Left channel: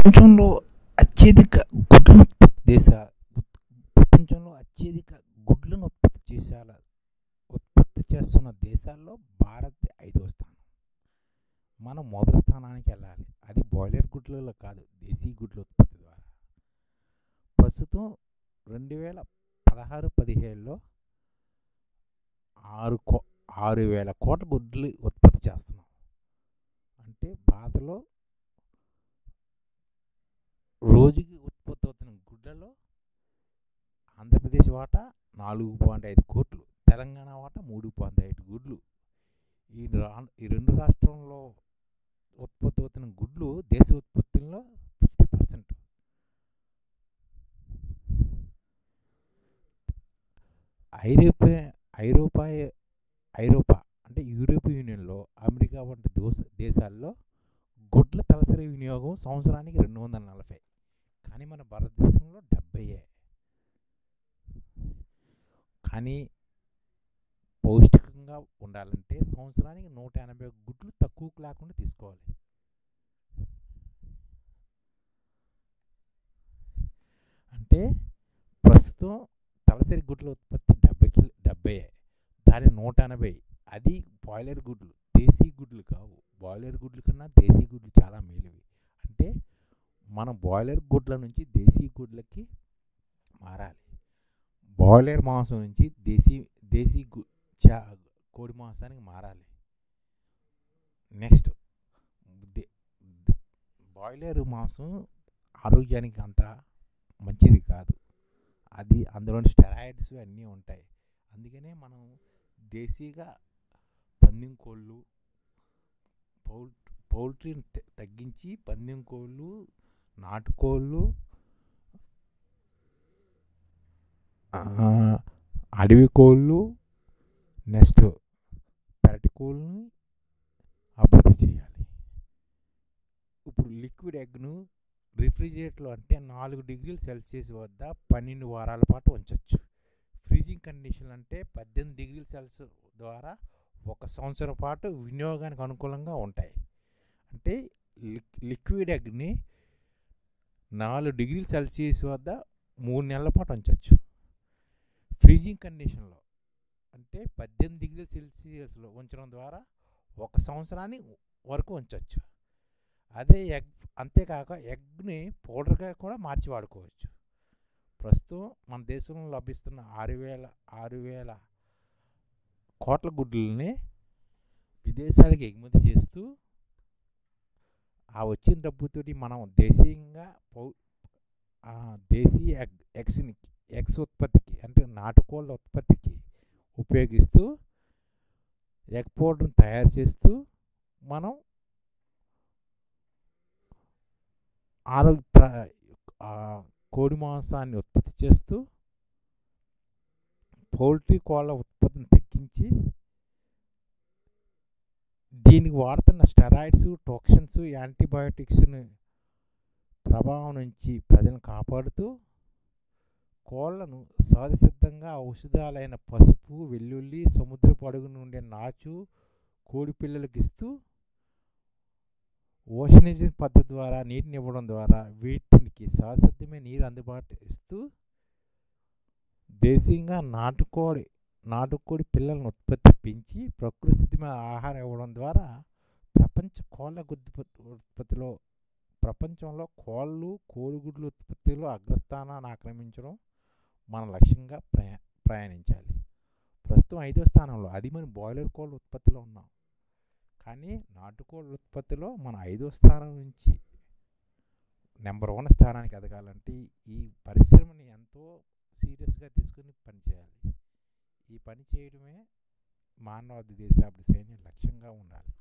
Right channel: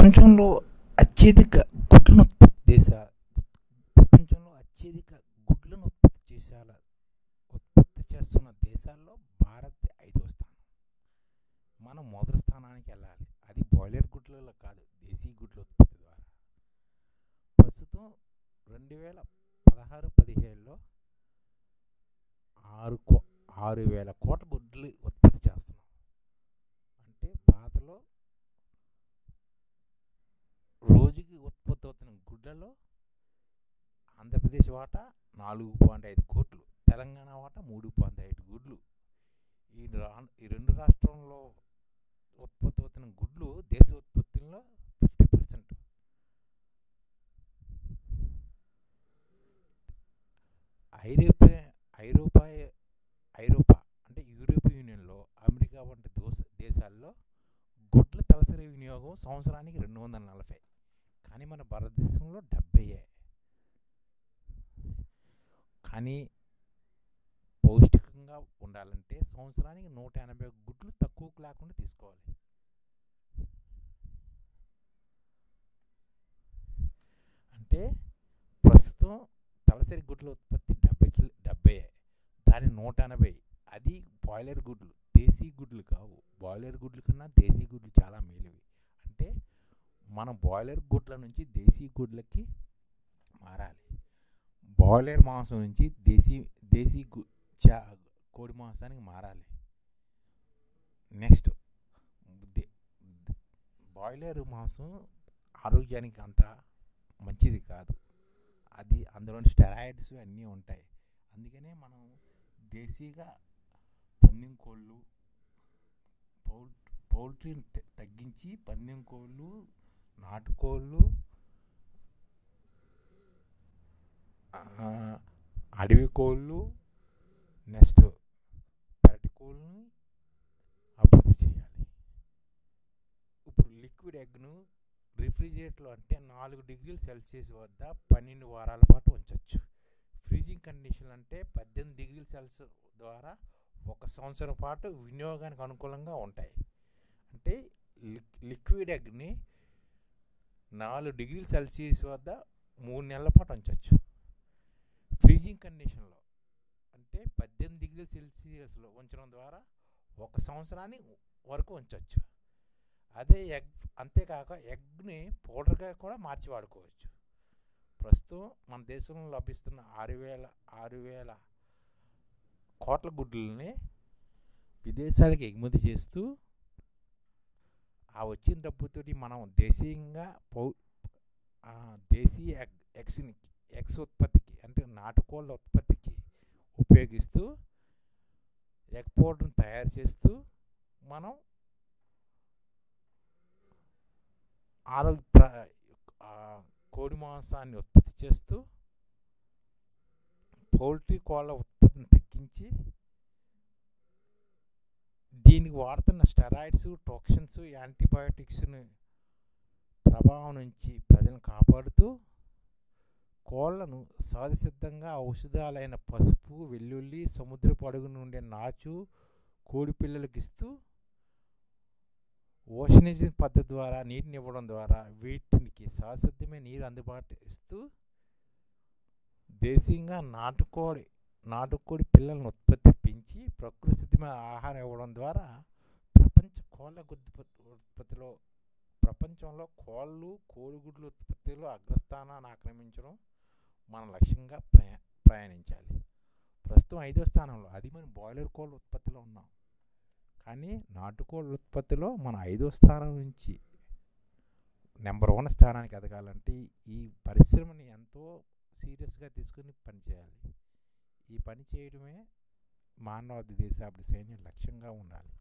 ప్రపంచంలో అత్యధిక గుడ్లను ఉత్పత్తి దేశ ప్రపంచంలో అత్యధిక గుడ్లను ఉత్పత్తి చేస్తున్న దేశాల్లో భారత్ 5వ స్థానం. మనం మొదటి స్థానానికి వెళ్ళాలి. అది బాయిలర్ గుడ్లలో కాదు, దేశీ గుడ్ల ఉత్పత్తి ద్వారా. ప్రస్తుతం 2016-17లో 6,000 కోట్ల గుడ్లు ఉత్పత్తి చేస్తున్నాం. అంటే భారత్లో రోజుకి ఉత్పత్తి అవుతున్న గుడ్లలో ఆంధ్రప్రదేశ్ వాటా 4.5 కోట్లు, తెలంగాణ వాటా 3.5 గుడ్లు. ఈ రెండు రాష్ట్రంలో ఉత్పత్తి అవుతున్న గుడ్లు దేశ ఉత్పత్తుల్లో 50%. ఐరోపా అంటే యూరోపియన్ యూనియన్లో, అమెరికా వంటి దేశాల్లో గుడ్ల తలసరి వినియోగం సంవత్సరానికి 240. కానీ మన భారతదేశంలో 70. కానీ పౌష్టికంగా ఉండాలంటే సంవత్సరానికి 180 గుడ్లు తక్కువకు లేకుండా తీసుకోవాలి. అంటే ప్రస్తుతం తలసరి గుడ్ల ఉత్పత్తి 70, దాని 180. అది బాయిలర్ గుడ్లు, దేశీ గుడ్లు కావు. బాయిలర్ గుడ్ల కన్నా దేశీ గుడ్లు చాలా మేలువి. అంటే మనం బాయిలర్ గుడ్ల నుంచి దేశీ గుడ్లకి మారాలి. బాయిలర్ మాంసం నుంచి దేశీ కోడి మాంసానికి మారాలి. నెక్స్ట్, బాయిలర్ మాంసం ఆరోగ్యానికి అంత మంచిది కాదు. అది అందులో స్టెరాయిడ్స్ అన్నీ ఉంటాయి. అందుకనే మనం దేశీగా పందెం కోళ్ళు, పౌల్ట్రీని తగ్గించి పందెం కోళ్ళు, నాటుకోళ్ళు, అడవి కోళ్ళు, నెక్స్ట్ పెరటి కోళ్ళని అభివృద్ధి చేయాలి. ఇప్పుడు లిక్విడ్ ఎగ్ను రిఫ్రిజిరేటర్లో అంటే 4 డిగ్రీల సెల్సియస్ వద్ద 12 వారాల పాటు ఉంచవచ్చు. ఫ్రీజింగ్ కండిషన్ అంటే 18 డిగ్రీల సెల్సియస్ ద్వారా 1 సంవత్సరం పాటు వినియోగానికి అనుకూలంగా ఉంటాయి. అంటే లిక్విడ్ ఎగ్ని 4 డిగ్రీల సెల్సియస్ వద్ద 3 నెలల పాటు ఉంచవచ్చు. ఫ్రీజింగ్ కండిషన్లో అంటే 18 డిగ్రీల సెల్సియస్లో ఉంచడం ద్వారా 1 సంవత్సరాన్ని వరకు ఉంచవచ్చు. అదే అంతేకాక ఎగ్ని పౌడర్గా కూడా మార్చి వాడుకోవచ్చు. ప్రస్తుతం మన దేశంలో లభిస్తున్న 6,000 కోట్ల గుడ్లని విదేశాలకు ఎగుమతి చేస్తూ ఆ వచ్చిన డబ్బుతోటి మనం దేశీయంగా దేశీ ఎగ్స్ ఉత్పత్తికి అంటే నాటుకోళ్ళ ఉత్పత్తికి ఉపయోగిస్తూ ఎగ్ పౌడర్ని తయారు చేస్తూ మనం కోడి మాంసాన్ని ఉత్పత్తి చేస్తూ పౌల్ట్రీ కోళ్ళ ఉత్పత్తిని తగ్గించి దీనికి వాడుతున్న స్టెరాయిడ్స్, టాక్సిన్స్, యాంటీబయోటిక్స్ ప్రభావం నుంచి ప్రజలను కాపాడుతూ కోళ్లను సహజసిద్ధంగా ఔషధాలైన పసుపు, వెల్లుల్లి, సముద్రపు అడుగున ఉండే నాచు కోడి పిల్లలకు ఇస్తూ ఓషనైజింగ్ పద్ధతి ద్వారా నీటిని ఇవ్వడం ద్వారా వీటికి సహజసిద్ధమైన నీరు అందుబాటు ఇస్తూ దేశీయంగా నాటుకోడి పిల్లలను ఉత్పత్తి పెంచి ప్రకృతి సిద్ధమైన ఆహారం ఇవ్వడం ద్వారా ప్రపంచ కోళ్ళ ఉత్పత్తిలో ప్రపంచంలో కోడిగుడ్ల ఉత్పత్తిలో అగ్రస్థానాన్ని ఆక్రమించడం మన లక్ష్యంగా ప్రయాణించాలి. ప్రస్తుతం 5వ స్థానంలో, అది మన బాయిలర్ కోళ్ళ ఉత్పత్తిలో ఉన్నాం. కానీ నాటుకోళ్ళ ఉత్పత్తిలో మన 5వ స్థానం నుంచి నెంబర్ 1 స్థానానికి ఎదగాలంటే ఈ పరిశ్రమని ఎంతో సీరియస్గా తీసుకుని పనిచేయాలి. ఈ పని చేయడమే మానవాళి దేశాభివృద్ధి లక్ష్యంగా ఉండాలి.